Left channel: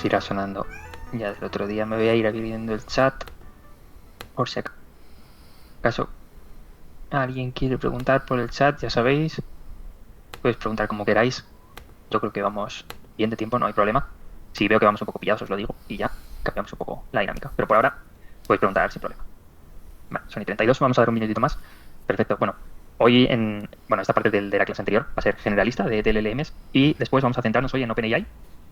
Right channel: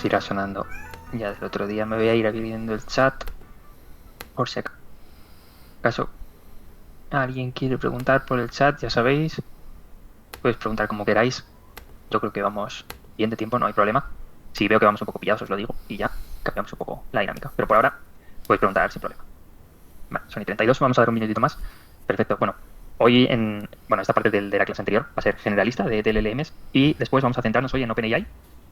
pues irá sonando ya del otro día. Me voy a ir abriendo el chat por si acaso alguien quiere preguntar por el chat, ya sabéis. Podéis preguntar como queráis. Yo creo que vamos bien de tiempo, no hay problema. Si veo que vamos un poco pillados, os lo digo y ya cambiamos un poco la dinámica. Pero por ahora podéis preguntar sin problema. Vale, son y 32, vamos a dar un minutito más. Perfecto, bueno. Hoy esta parte de la clase anterior va a ser generalista de LLMs y después vamos a centrarnos hoy en OpenAI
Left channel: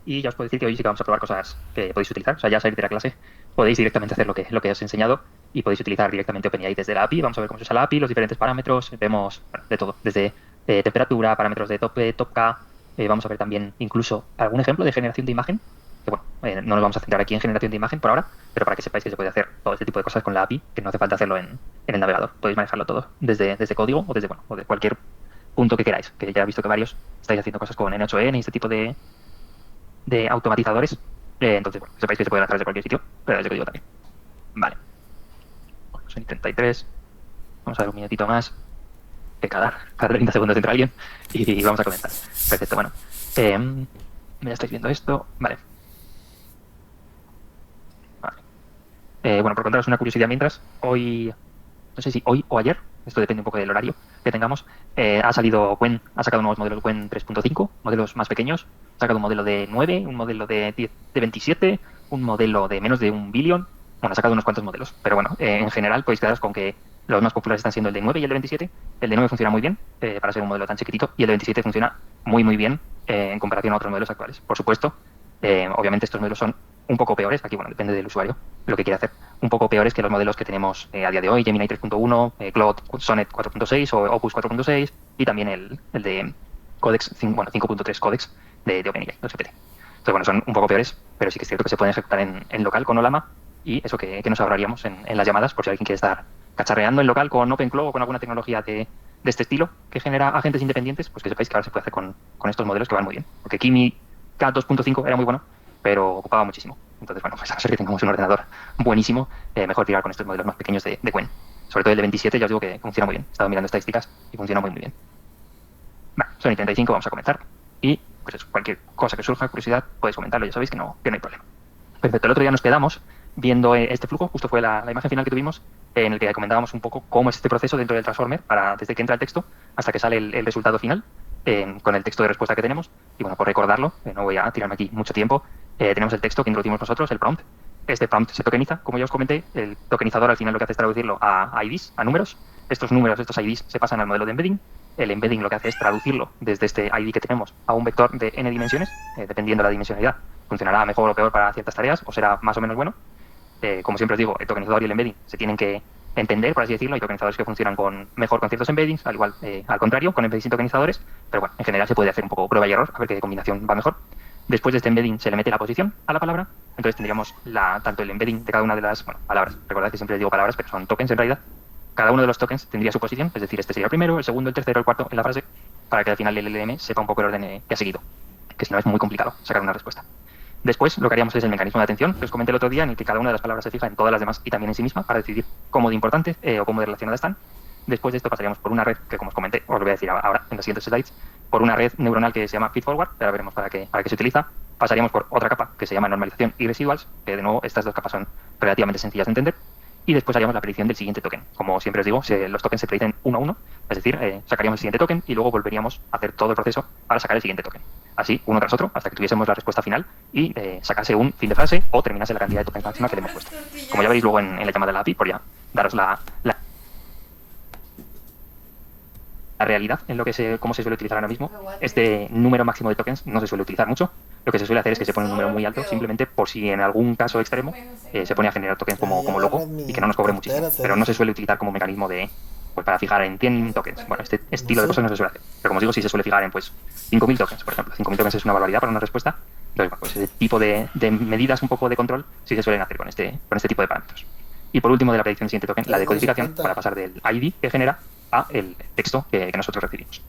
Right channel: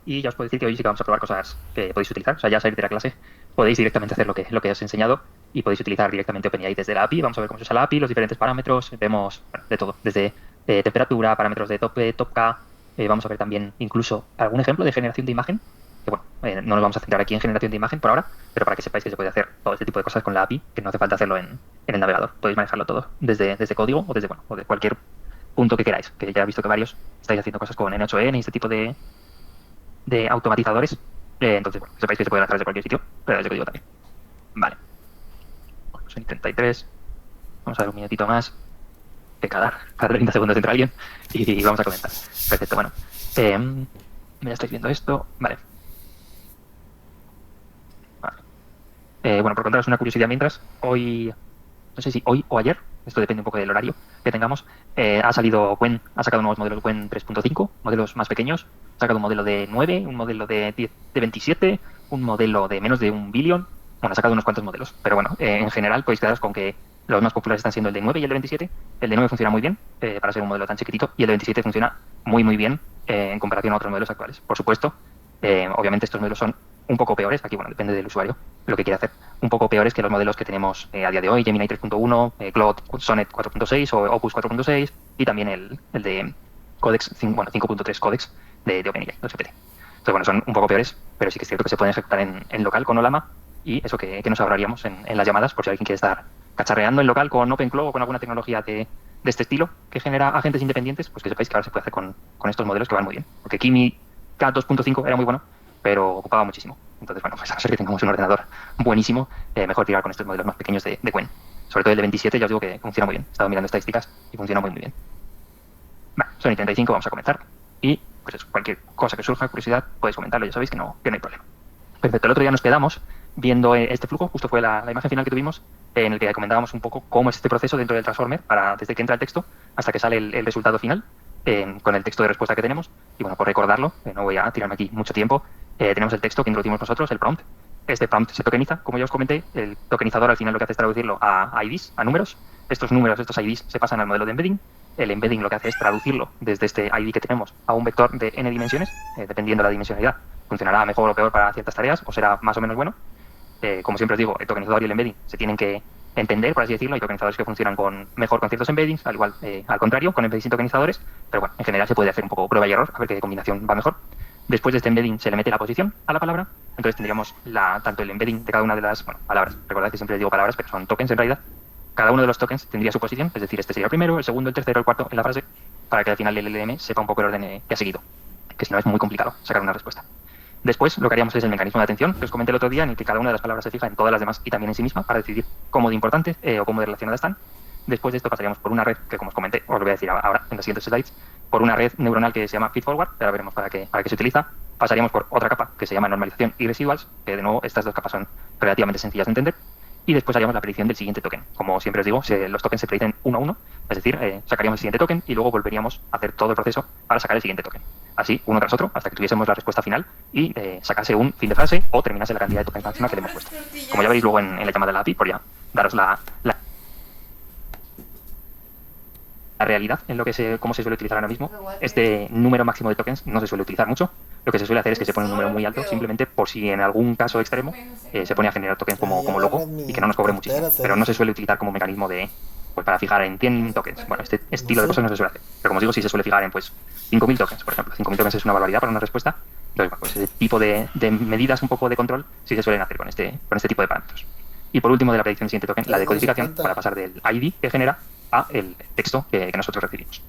y ya os puedo decir que hoy sí que vamos a probar cosas que podéis utilizar. O sea, ya salir de la clase podéis directamente hacer lo que os he enseñado y podéis utilizar directamente OpenAI desde la API. Vamos a ver cómo se usa la API, los diferentes parámetros, vemos de todo, desde temperatura, parámetros de tope, topca. Vamos a ver también incluso algún ejemplo de generación de imagen, que bueno, no nos vamos a centrar aquí en generación de imagen por ahora, pero para que sepáis que se puede hacer todo este tipo de cosas con la API, que no hace falta hacerlo en el navegador. Podéis manejarlo todo desde código o de cualquier punto que queráis, que ya he visto que varios estáis haciendo cosas con N8N y este tipo de automatizadores. Entonces, bueno, sepáis que se pueden hacer desde cualquier sitio, pero desde código también. Vale. Son 33. Vamos a dar un minutito más, que cada 30 segundos entra alguien y vamos a comentar. Perfecto, bueno. Ya estáis viendo esto. Vale. Bueno, por contaros una curiosidad mientras, hoy, no sé si hoy o ayer, esto depende un poco del horario que tengamos, ha sacado nuevos modelos Qwen 3.5, modelos más pequeños, ha sacado un modelo de 9, un modelo de 10, de 27, un modelo de menos de 1 billón, bueno, ha sacado unos cuantos modelos, pero bueno, en general podéis quedaros con que los más populares están siendo el de 9 y el de 27, el de 9 funciona muy bien para ser un modelo tan chiquitito y el de 27 funciona muy muy bien en comparación a otros modelos actuales. Por supuesto, obviamente estos modelos son un poco peores, aquí bueno, depende del usuario, lo que quiere hacer, un poco peores que los modelos que tenemos a día de hoy, Gemini 3.1, Claude Sonnet 4.6 o Opus 4.6 y también el de Codex, 5.3 Codex de OpenAI, el GPT. Entonces bueno, son un poco peores, pero sí que es cierto que se pueden ejecutar en local con Olama y eso que nos ahorraríamos en las llamadas por si alguien quiere estar cacharreando en local con OpenClaw o con alguna tecnología de este estilo que genera agentes independientes, pues que sepáis que ahora se puede hacer con estos modelos que van muy bien. Porque Kimi K2.5 era muy bueno, pero ocupaba muchísimo. Entonces, bueno, pues a no ser que tengamos un ordenador buenísimo, mejor tirar con estos modelos más pequeños de Qwen. Sobre todo el de 27, ya os digo que funciona muy bien. He estado mirando estadísticas y funciona muy, muy bien. Bueno, son y 35, vamos a comenzar. Y, pues eso, cualquier cosa que surja, curiosidad, podéis comentarlo, ya sabéis que no hay problema. Perfecto, el otro día nos quedamos viendo este flujo, justo fue la imagen final que tuvimos, en el que comentábamos un poco cómo es este proceso dentro del Transformer, desde que entra el texto hasta que sale el resultado final, con el texto de respuesta que tenemos. Y bueno, por recordarlo, no voy a tirarme aquí mucho tiempo, tenemos el texto que introducimos nosotros, el prompt. Este prompt se tokeniza, como ya os comenté, el tokenizador al final lo que hace es traducirlo a IDs, a números. Estos números, estos IDs, se pasan al modelo de embedding. El embedding lo que hace es traducirlo desde este ID que tenemos a un vector de n dimensiones, dependiendo de la dimensionalidad. Funcionará mejor o peor para ciertas tareas, o será más o menos bueno. Como siempre os digo, el tokenizador y el embedding se tienen que entender, por así decirlo. Hay tokenizadores que funcionan mejor con ciertos embeddings, al contrario, con embeddings sin tokenizadores, pero bueno, en general se puede hacer un poco prueba y error, a ver qué combinación va mejor. Después de este embedding se le mete la posición a la palabra, entonces tendríamos tanto el embedding de cada una de las palabras. Recordad que siempre les digo palabras, pero son tokens en realidad. Cada uno de los tokens tendría su posición, es decir, este sería el primero, el segundo, el tercero, el cuarto en la frase, para que al final el LLM sepa un poco el orden que ha seguido, que si no es muy complicado sacar una respuesta. Después lo que haríamos es el mecanismo de atención, que os comenté el otro día, en el que cada una de las palabras se fija en todas las demás y también en sí misma para decidir cómo de importantes o cómo de relacionadas están. Después de esto pasaríamos por una red, que como os comenté, os lo voy a decir ahora en los siguientes slides, por una red neuronal que se llama feedforward, ahora veremos para qué se utiliza. Pasaríamos por otra capa que se llama normalización y residuals, que de nuevo estas dos capas son relativamente sencillas de entender. Y después haríamos la predicción del siguiente token. Como siempre os digo, los tokens se predicen uno a uno, es decir, sacaríamos el siguiente token y luego volveríamos a hacer todo el proceso para sacar el siguiente token. Así, uno tras otro, hasta que tuviésemos la respuesta final y sacase un fin de frase o terminase la cantidad de tokens máxima que le hemos puesto. Como ya veréis luego en la llamada de la API, por ya daros la realidad en cómo se suele utilizar ahora mismo. Este número máximo de tokens no se suele utilizar mucho. Lo que se suele hacer es que se pone un número muy alto, simplemente por si en algún caso extremo se pone a generar tokens como loco y que no nos cobre muchísimo. Pero no se suele utilizar como mecanismo para fijar en 100 tokens. Bueno, este estilo de cosas no se suele hacer. Pero como os digo, sí se suele fijar en 5.000 tokens, por ejemplo. 5.000 tokens es una barbaridad para una respuesta. Entonces, bueno, pues ese tipo de medidas un poco de control sí se suelen hacer con este tipo de parámetros. Y por último, de la predicción del siguiente token, la decodificación para pasar del ID que genera a el texto que nosotros recibimos.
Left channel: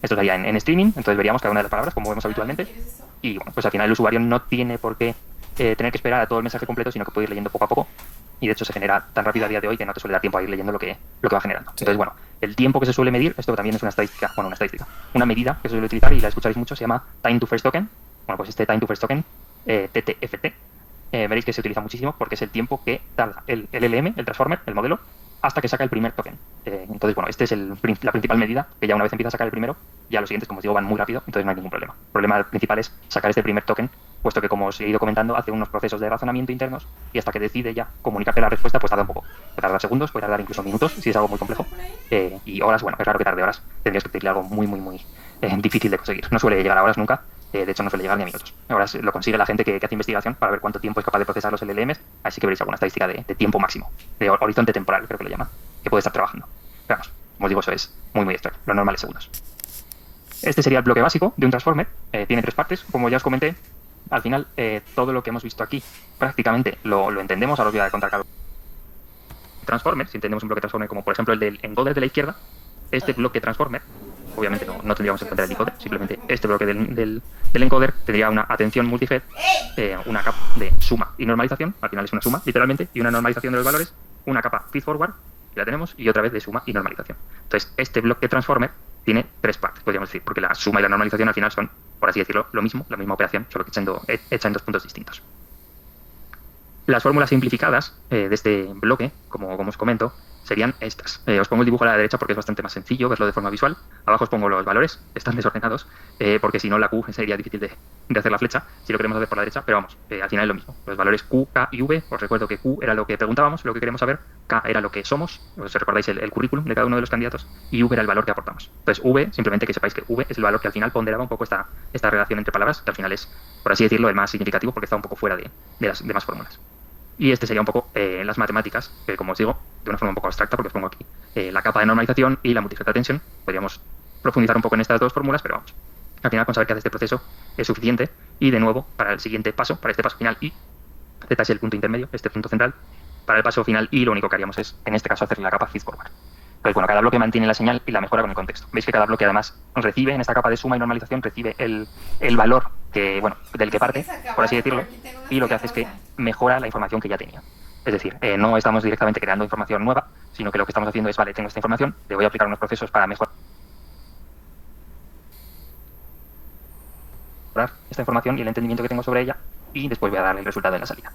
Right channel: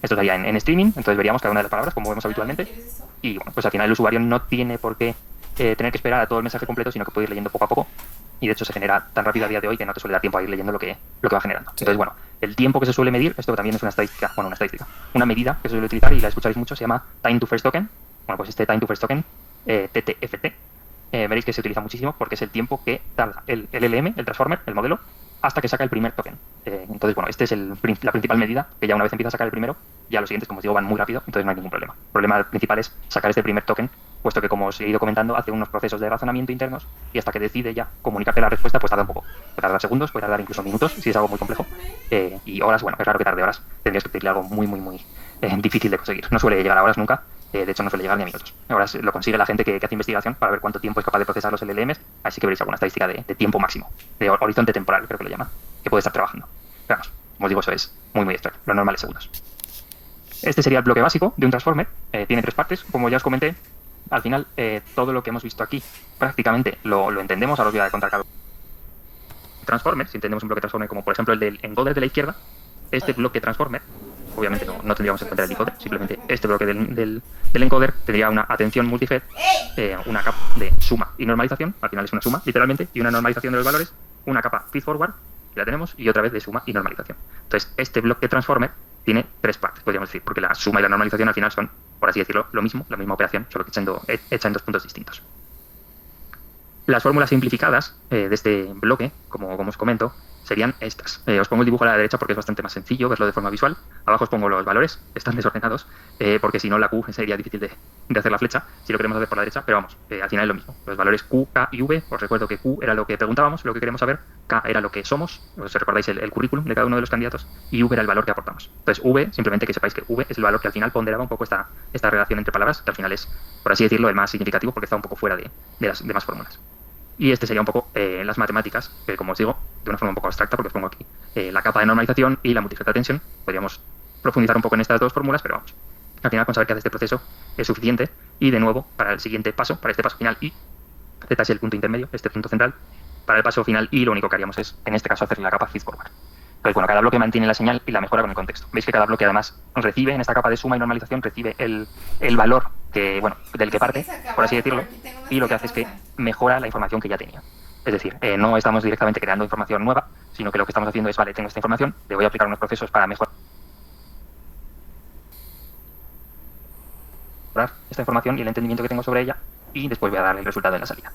Esto sería en streaming, entonces veríamos cada una de las palabras como vemos habitualmente y bueno, pues al final el usuario no tiene por qué tener que esperar a todo el mensaje completo, sino que puede ir leyendo poco a poco y de hecho se genera tan rápido a día de hoy que no te suele dar tiempo a ir leyendo lo que va generando. Entonces bueno, el tiempo que se suele medir, esto también es una medida que se suele utilizar y la escucharéis mucho, se llama time to first token. Bueno, pues este time to first token TTFT, veréis que se utiliza muchísimo porque es el tiempo que tarda el LLM, el transformer, el modelo, hasta que saca el primer token. Entonces, bueno, esta es la principal medida, que ya una vez empieza a sacar el primero, ya los siguientes, como os digo, van muy rápido, entonces no hay ningún problema. El problema principal es sacar este primer token, puesto que, como os he ido comentando, hace unos procesos de razonamiento internos y hasta que decide ya comunicarte la respuesta, pues tarda un poco. Puede tardar segundos, puede tardar incluso minutos, si es algo muy complejo. Y horas, bueno, es raro que tarde horas. Tendrías que pedirle algo muy, muy, muy difícil de conseguir. No suele llegar a horas nunca. De hecho, no suele llegar ni a minutos. Ahora lo consigue la gente que hace investigación para ver cuánto tiempo es capaz de procesar los LLMs. Así que veréis alguna estadística de tiempo máximo, de horizonte temporal, creo que lo llaman, que puede estar trabajando. Pero vamos, como os digo, eso es muy, muy extraño. Lo normal es segundos. Este sería el bloque básico de un transformer. Tiene 3 partes. Como ya os comenté, al final, todo lo que hemos visto aquí prácticamente lo entendemos. Ahora os voy a contar cada transformer. Si entendemos un bloque transformer como, por ejemplo, el del encoder de la izquierda, este bloque transformer, obviamente no tendríamos en cuenta el decoder, simplemente este bloque del encoder tendría una atención multifed, una capa de suma y normalización, al final es una suma, literalmente, y una normalización de los valores, una capa feedforward, que la tenemos, y otra vez de suma y normalización. Entonces, este bloque transformer tiene 3 partes, podríamos decir, porque la suma y la normalización al final son, por así decirlo, lo mismo, la misma operación, solo que hecha en 2 puntos distintos. Las fórmulas simplificadas de este bloque, como os comento, serían estas. Os pongo el dibujo a la derecha porque es bastante más sencillo verlo de forma visual. Abajo os pongo los valores, están desordenados, porque si no la Q sería difícil de hacer la flecha, si lo queremos hacer por la derecha, pero vamos, al final es lo mismo. Los valores Q, K y V, os recuerdo que Q era lo que preguntábamos, lo que queremos saber, K era lo que somos, os recordáis el currículum de cada uno de los candidatos, y V era el valor que aportamos. Entonces V, simplemente que sepáis que V es el valor que al final ponderaba un poco esta relación entre palabras, que al final es, por así decirlo, el más significativo porque está un poco fuera de las demás fórmulas. Y este sería un poco las matemáticas, que como os digo, de una forma un poco abstracta, porque os pongo aquí la capa de normalización y la multifactor tensión. Podríamos profundizar un poco en estas 2 fórmulas, pero vamos, al final con saber que hace este proceso es suficiente. Y de nuevo, para el siguiente paso, para este paso final I, Z es el punto intermedio, este punto central, para el paso final I lo único que haríamos es, en este caso, hacer la capa feedforward. Entonces, bueno, cada bloque mantiene la señal y la mejora con el contexto. Veis que cada bloque además recibe, en esta capa de suma y normalización, recibe el valor del que parte, por así decirlo, y lo que hace es que mejora la información que ya tenía. Es decir, no estamos directamente creando información nueva, sino que lo que estamos haciendo es, vale, tengo esta información, le voy a aplicar unos procesos para mejorar esta información y el entendimiento que tengo sobre ella, y después voy a darle el resultado en la salida.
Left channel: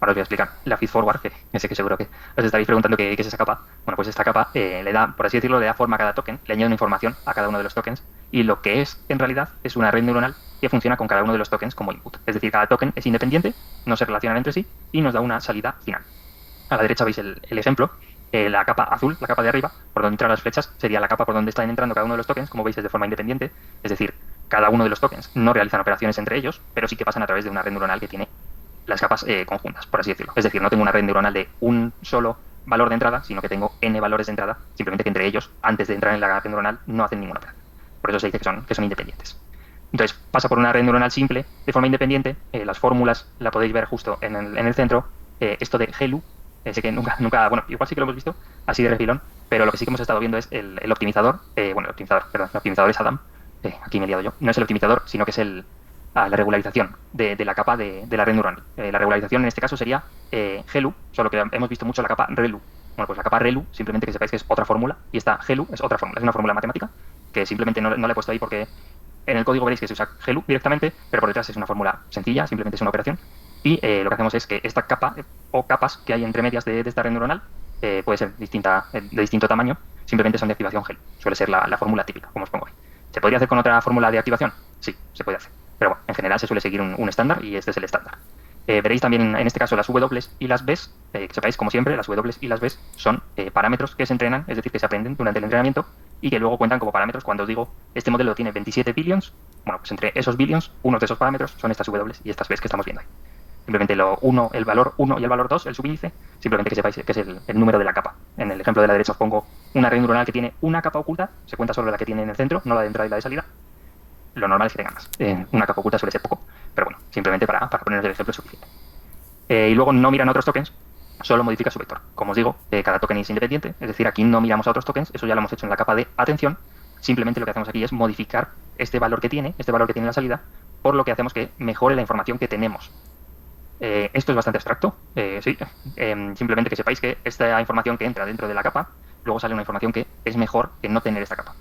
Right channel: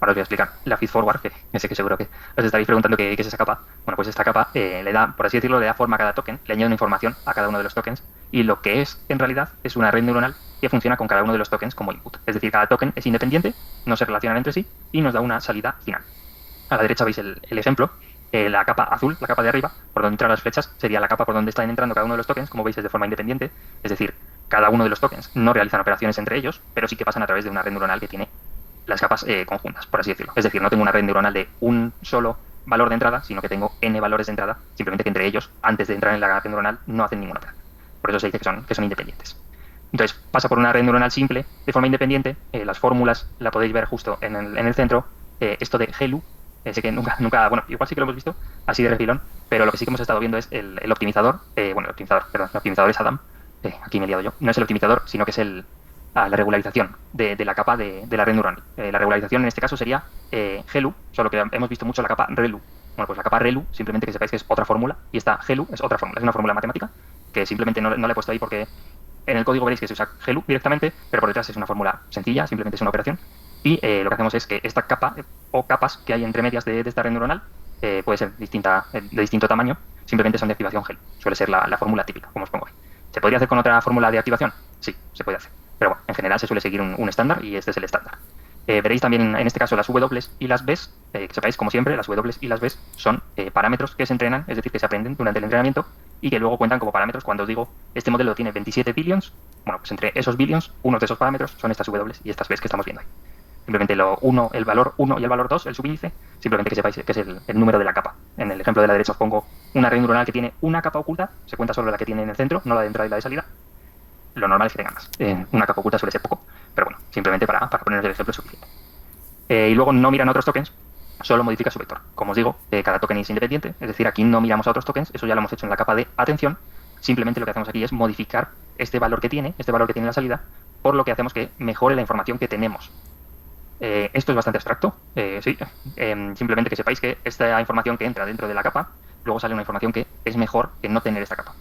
Ahora os voy a explicar la feedforward, que sé que seguro que os estaréis preguntando qué es esa capa. Bueno, pues esta capa le da, por así decirlo, le da forma a cada token, le añade una información a cada uno de los tokens, y lo que es, en realidad, es una red neuronal que funciona con cada uno de los tokens como input. Es decir, cada token es independiente, no se relacionan entre sí, y nos da una salida final. A la derecha veis el ejemplo. La capa azul, la capa de arriba, por donde entran las flechas, sería la capa por donde están entrando cada uno de los tokens, como veis es de forma independiente, es decir, cada uno de los tokens no realizan operaciones entre ellos, pero sí que pasan a través de una red neuronal que tiene las capas conjuntas, por así decirlo. Es decir, no tengo una red neuronal de un solo valor de entrada, sino que tengo n valores de entrada, simplemente que entre ellos, antes de entrar en la red neuronal, no hacen ninguna operación. Por eso se dice que son independientes. Entonces, pasa por una red neuronal simple, de forma independiente. Las fórmulas la podéis ver justo en el centro. Esto de GELU, sé que nunca, bueno, igual sí que lo hemos visto, así de refilón, pero lo que sí que hemos estado viendo es el optimizador, el optimizador es Adam, aquí me he liado yo, no es el optimizador, sino que es la regularización de la capa de la red neuronal. La regularización en este caso sería GELU, solo que hemos visto mucho la capa ReLU. Bueno, pues la capa ReLU, simplemente que sepáis que es otra fórmula, y esta GELU es otra fórmula, es una fórmula matemática, que simplemente no la he puesto ahí porque en el código veréis que se usa GELU directamente, pero por detrás es una fórmula sencilla, simplemente es una operación, y lo que hacemos es que esta capa o capas que hay entre medias de esta red neuronal puede ser de distinto tamaño, simplemente son de activación GELU. Suele ser la fórmula típica, como os pongo ahí. ¿Se podría hacer con otra fórmula de activación? Sí, se puede hacer. Pero bueno, en general se suele seguir un estándar y este es el estándar. Veréis también en este caso las W y las Bs, que sepáis, como siempre, las W y las Bs son parámetros que se entrenan, es decir, que se aprenden durante el entrenamiento y que luego cuentan como parámetros cuando os digo, este modelo tiene 27 billions, bueno, pues entre esos billions, unos de esos parámetros son estas W y estas Bs que estamos viendo ahí. Simplemente el valor 1 y el valor 2, el subíndice, simplemente que sepáis que es el número de la capa. En el ejemplo de la derecha os pongo una red neuronal que tiene una capa oculta, se cuenta solo la que tiene en el centro, no la de entrada y la de salida. Lo normal es que tengan más. Una capa oculta suele ser poco, pero bueno, simplemente para poner el ejemplo es suficiente. Y luego no miran otros tokens, solo modifica su vector. Como os digo, cada token es independiente, es decir, aquí no miramos a otros tokens, eso ya lo hemos hecho en la capa de atención. Simplemente lo que hacemos aquí es modificar este valor que tiene la salida, por lo que hacemos que mejore la información que tenemos. Esto es bastante abstracto, sí. Simplemente que sepáis que esta información que entra dentro de la capa, luego sale una información que es mejor que no tener esta capa.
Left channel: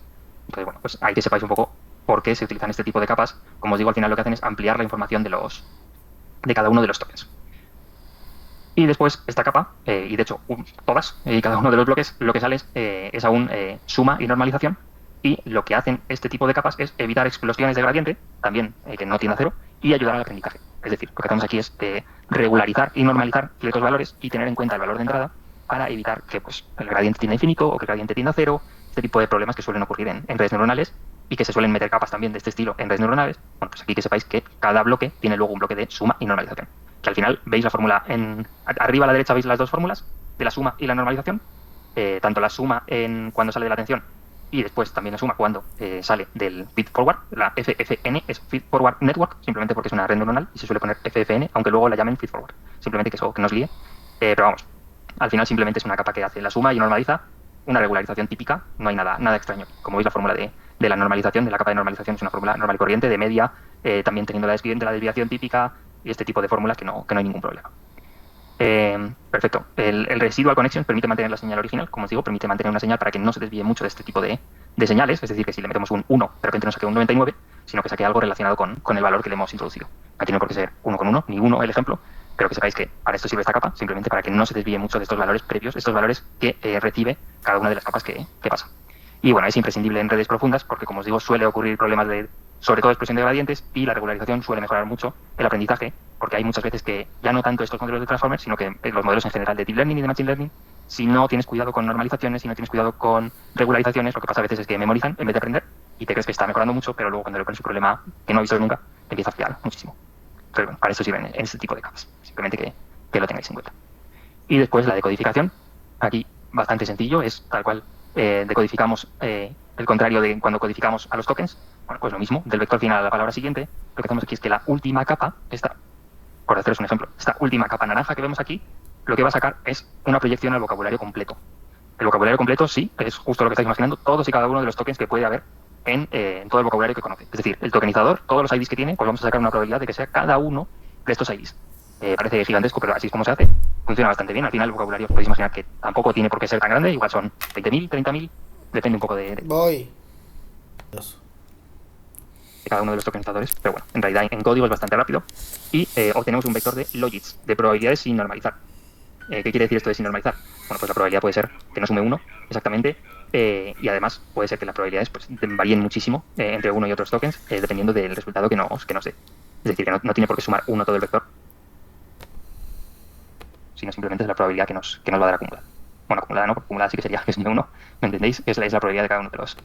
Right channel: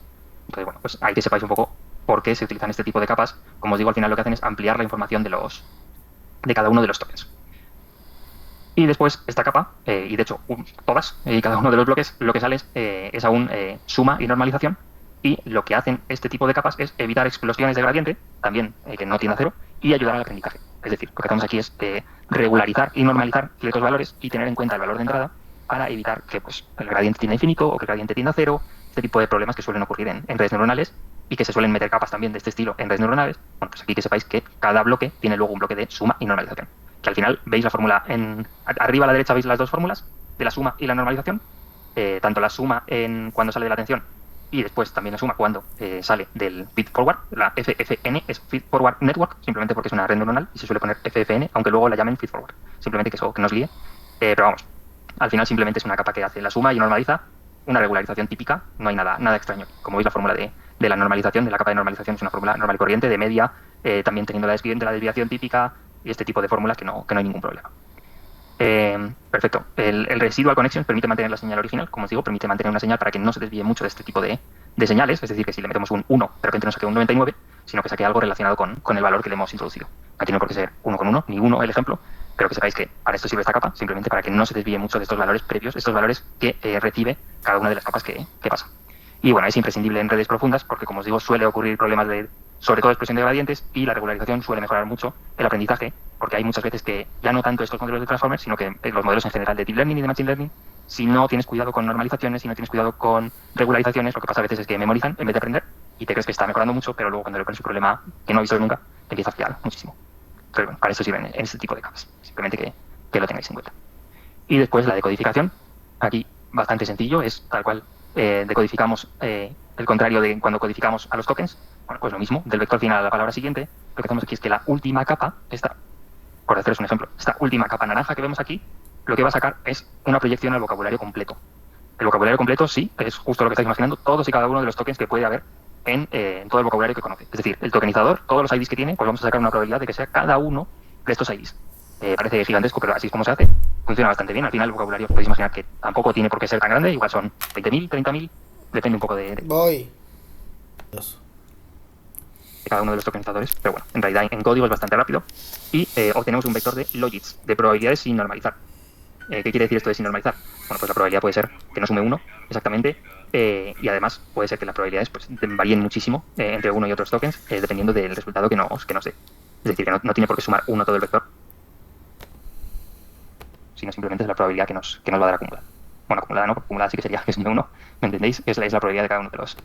Entonces, bueno, pues hay que sepáis un poco por qué se utilizan este tipo de capas. Como os digo, al final lo que hacen es ampliar la información de los de cada uno de los tokens. Y después esta capa, y de hecho todas y cada uno de los bloques, lo que sale es aún suma y normalización. Y lo que hacen este tipo de capas es evitar explosiones de gradiente, también que no tiende a cero, y ayudar al aprendizaje. Es decir, lo que hacemos aquí es regularizar y normalizar ciertos valores y tener en cuenta el valor de entrada para evitar que pues, el gradiente tienda a infinito o que el gradiente tienda a cero, este tipo de problemas que suelen ocurrir en redes neuronales y que se suelen meter capas también de este estilo en redes neuronales. Bueno, pues aquí que sepáis que cada bloque tiene luego un bloque de suma y normalización. Que al final veis la fórmula arriba a la derecha veis las dos fórmulas de la suma y la normalización, tanto la suma cuando sale de la atención y después también la suma cuando sale del feed forward. La FFN es feed forward network, simplemente porque es una red neuronal y se suele poner FFN, aunque luego la llamen feed forward, simplemente que eso que nos líe. Pero vamos, al final simplemente es una capa que hace la suma y normaliza una regularización típica, no hay nada extraño. Como veis, la fórmula de la normalización, de la capa de normalización, es una fórmula normal y corriente, de media, también teniendo la desviación típica y este tipo de fórmulas que no hay ningún problema. Perfecto. El residual connection permite mantener la señal original, como os digo, permite mantener una señal para que no se desvíe mucho de este tipo de señales, es decir, que si le metemos un 1, de repente no saque un 99, sino que saque algo relacionado con el valor que le hemos introducido. Aquí no hay por qué ser 1 con 1, ni 1 el ejemplo, pero que sepáis que para esto sirve esta capa, simplemente para que no se desvíe mucho de estos valores previos, estos valores que recibe cada una de las capas que pasa. Y bueno, es imprescindible en redes profundas porque, como os digo, suele ocurrir problemas de, sobre todo, expresión de gradientes y la regularización suele mejorar mucho el aprendizaje porque hay muchas veces que ya no tanto estos modelos de transformers, sino que los modelos en general de deep learning y de machine learning, si no tienes cuidado con normalizaciones, si no tienes cuidado con regularizaciones, lo que pasa a veces es que memorizan en vez de aprender y te crees que está mejorando mucho, pero luego cuando le pones un problema que no has visto nunca, te empieza a fallar muchísimo. Pero bueno, para eso sirven en este tipo de capas. Simplemente que lo tengáis en cuenta. Y después la decodificación. Aquí bastante sencillo, es tal cual decodificamos el contrario de cuando codificamos a los tokens. Bueno, pues lo mismo, del vector final a la palabra siguiente. Lo que hacemos aquí es que la última capa, por haceros un ejemplo, esta última capa naranja que vemos aquí, lo que va a sacar es una proyección al vocabulario completo. El vocabulario completo, sí, es justo lo que estáis imaginando, todos y cada uno de los tokens que puede haber en todo el vocabulario que conoce. Es decir, el tokenizador, todos los IDs que tiene, pues vamos a sacar una probabilidad de que sea cada uno de estos IDs. Parece gigantesco, pero así es como se hace. Funciona bastante bien. Al final el vocabulario podéis imaginar que tampoco tiene por qué ser tan grande, igual son 20.000, 30.000, depende un poco Voy. de cada uno de los tokenizadores, pero bueno, en realidad en código es bastante rápido y obtenemos un vector de logits, de probabilidades sin normalizar. ¿Qué quiere decir esto de sin normalizar? Bueno, pues la probabilidad puede ser que no sume 1 exactamente y además puede ser que las probabilidades pues, varíen muchísimo entre uno y otros tokens dependiendo del resultado que nos dé. Es decir, que no tiene por qué sumar 1 todo el vector, sino simplemente es la probabilidad que nos va a dar acumulada. Bueno, acumulada no, porque acumulada sí que sería que sume 1, ¿me entendéis? Es la probabilidad de cada uno de los.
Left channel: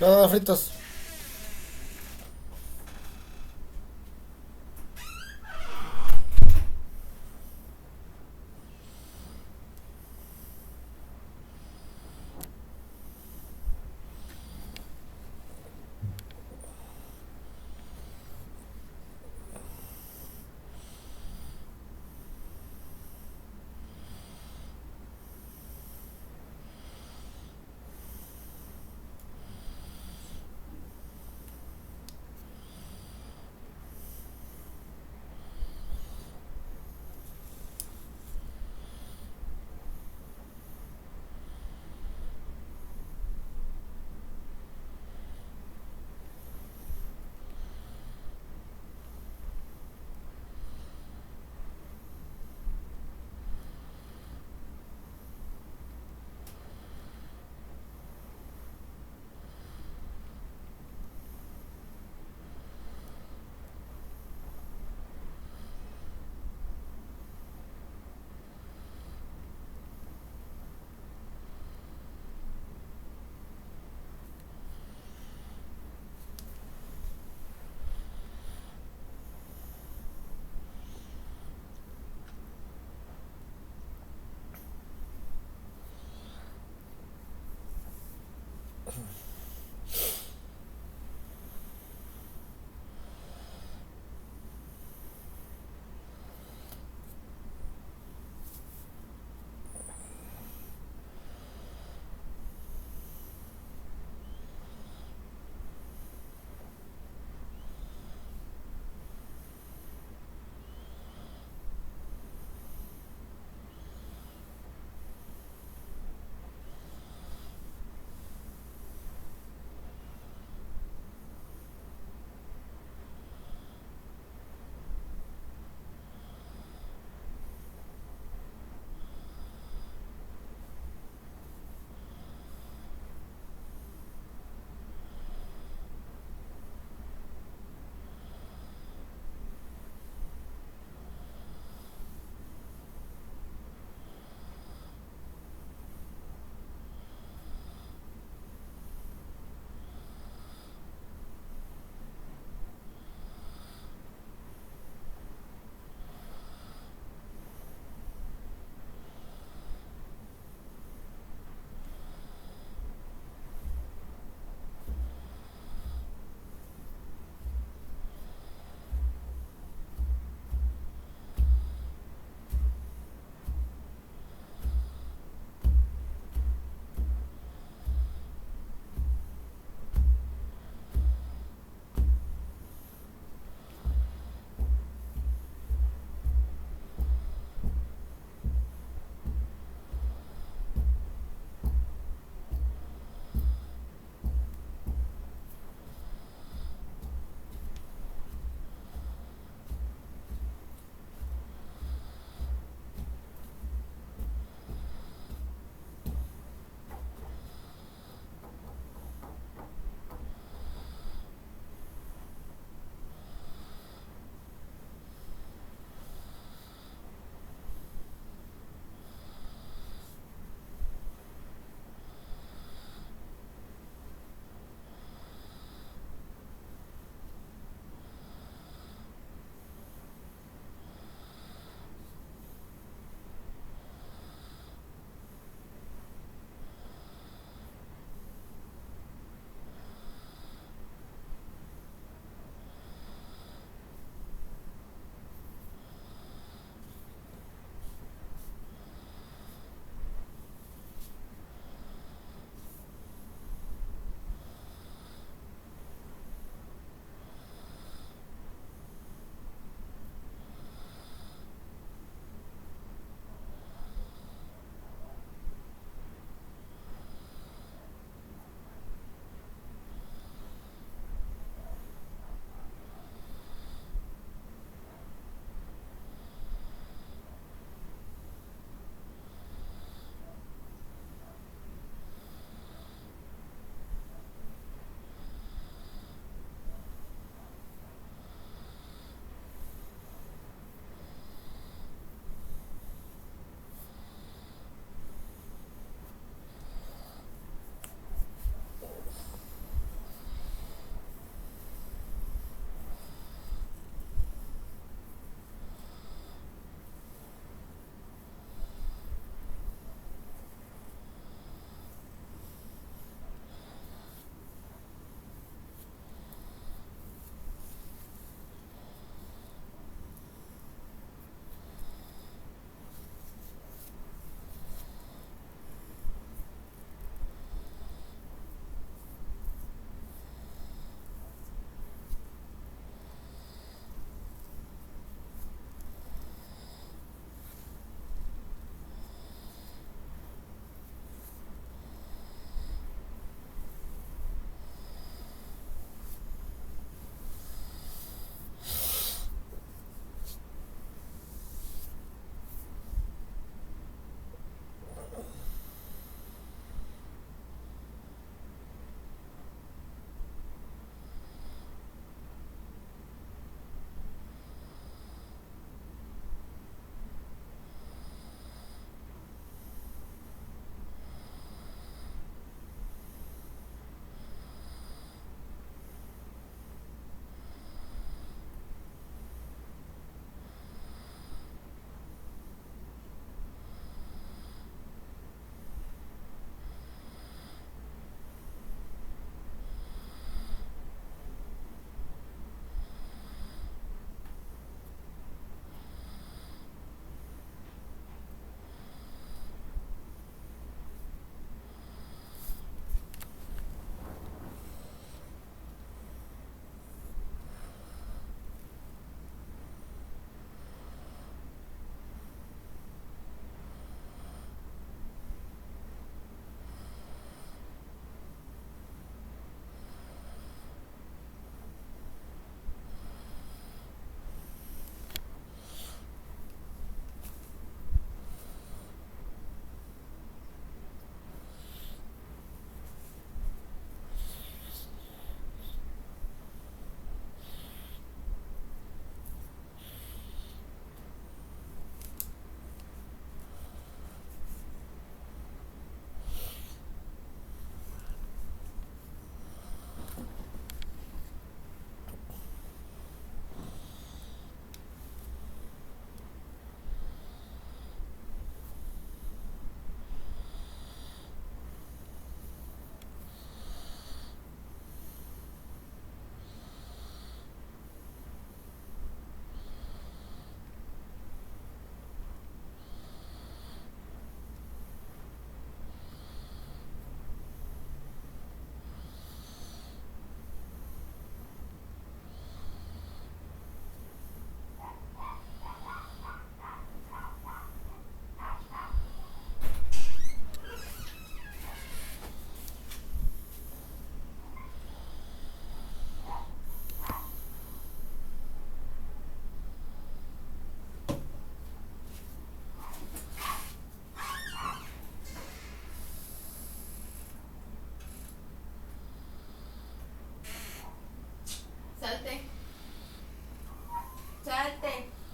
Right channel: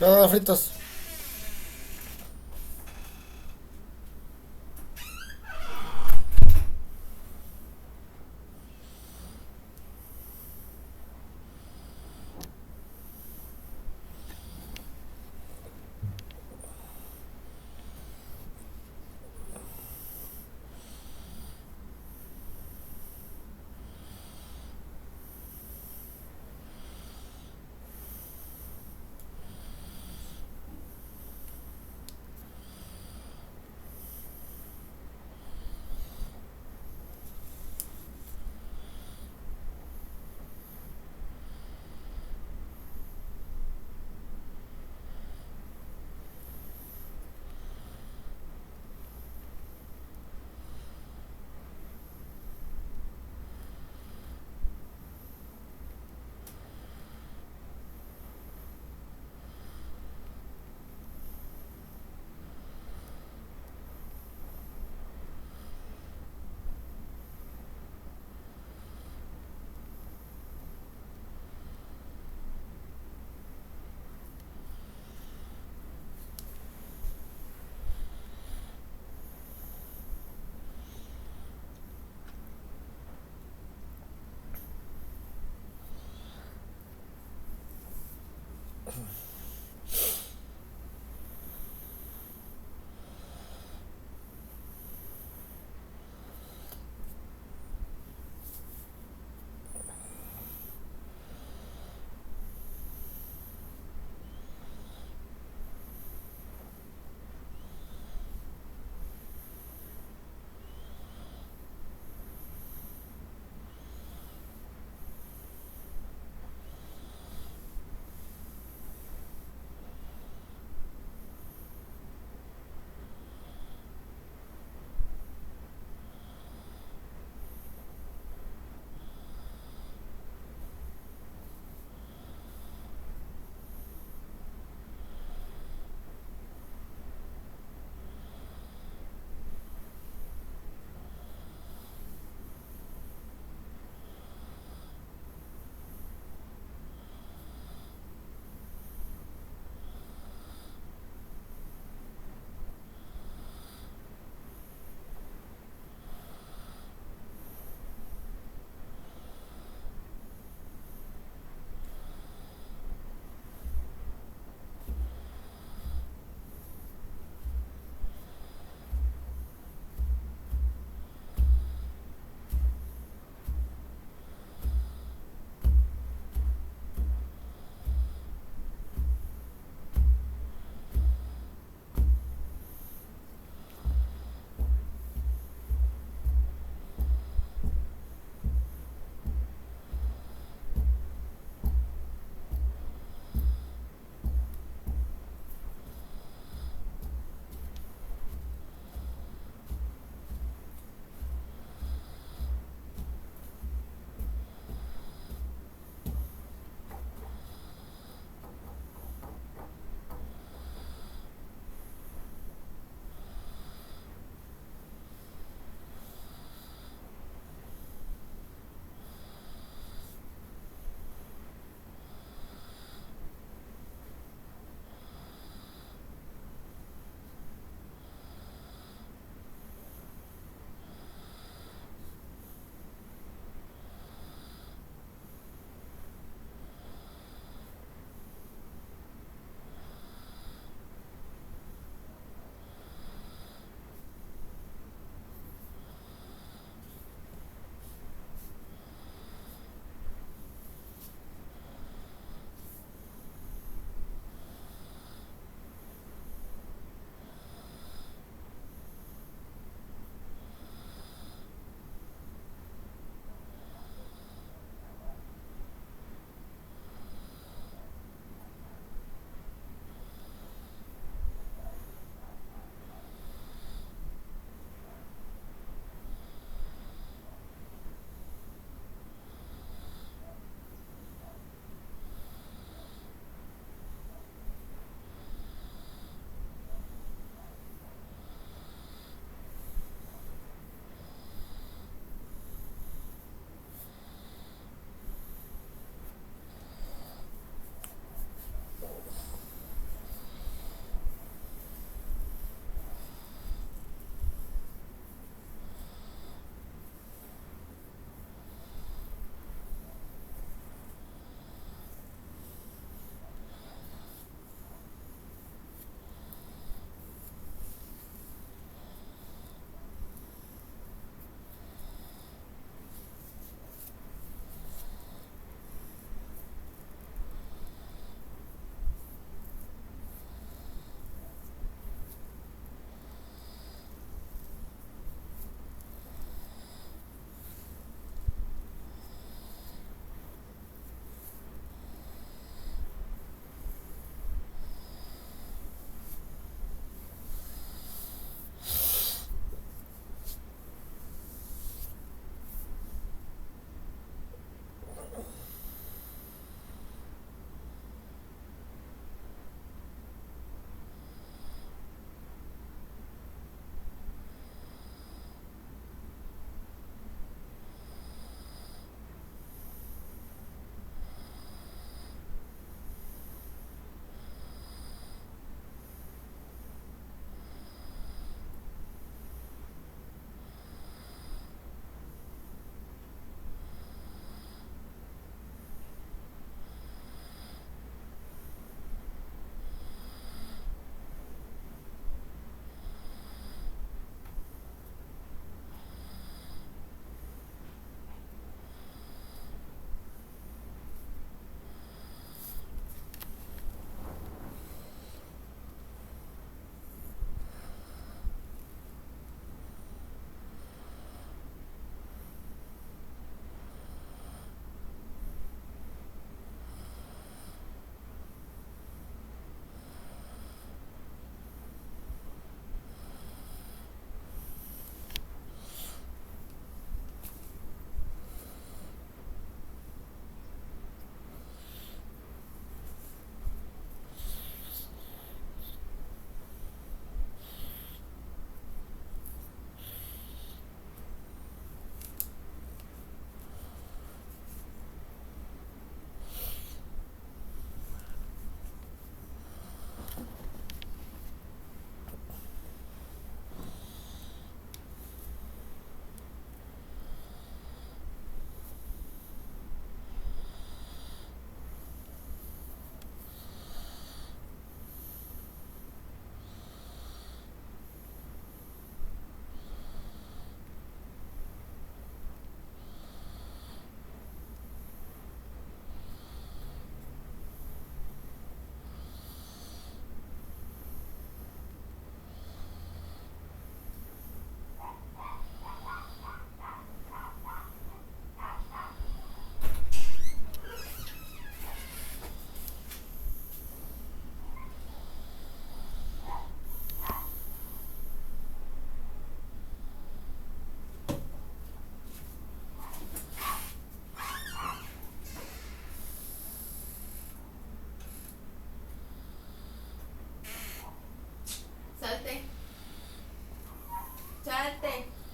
No, fritos. salte.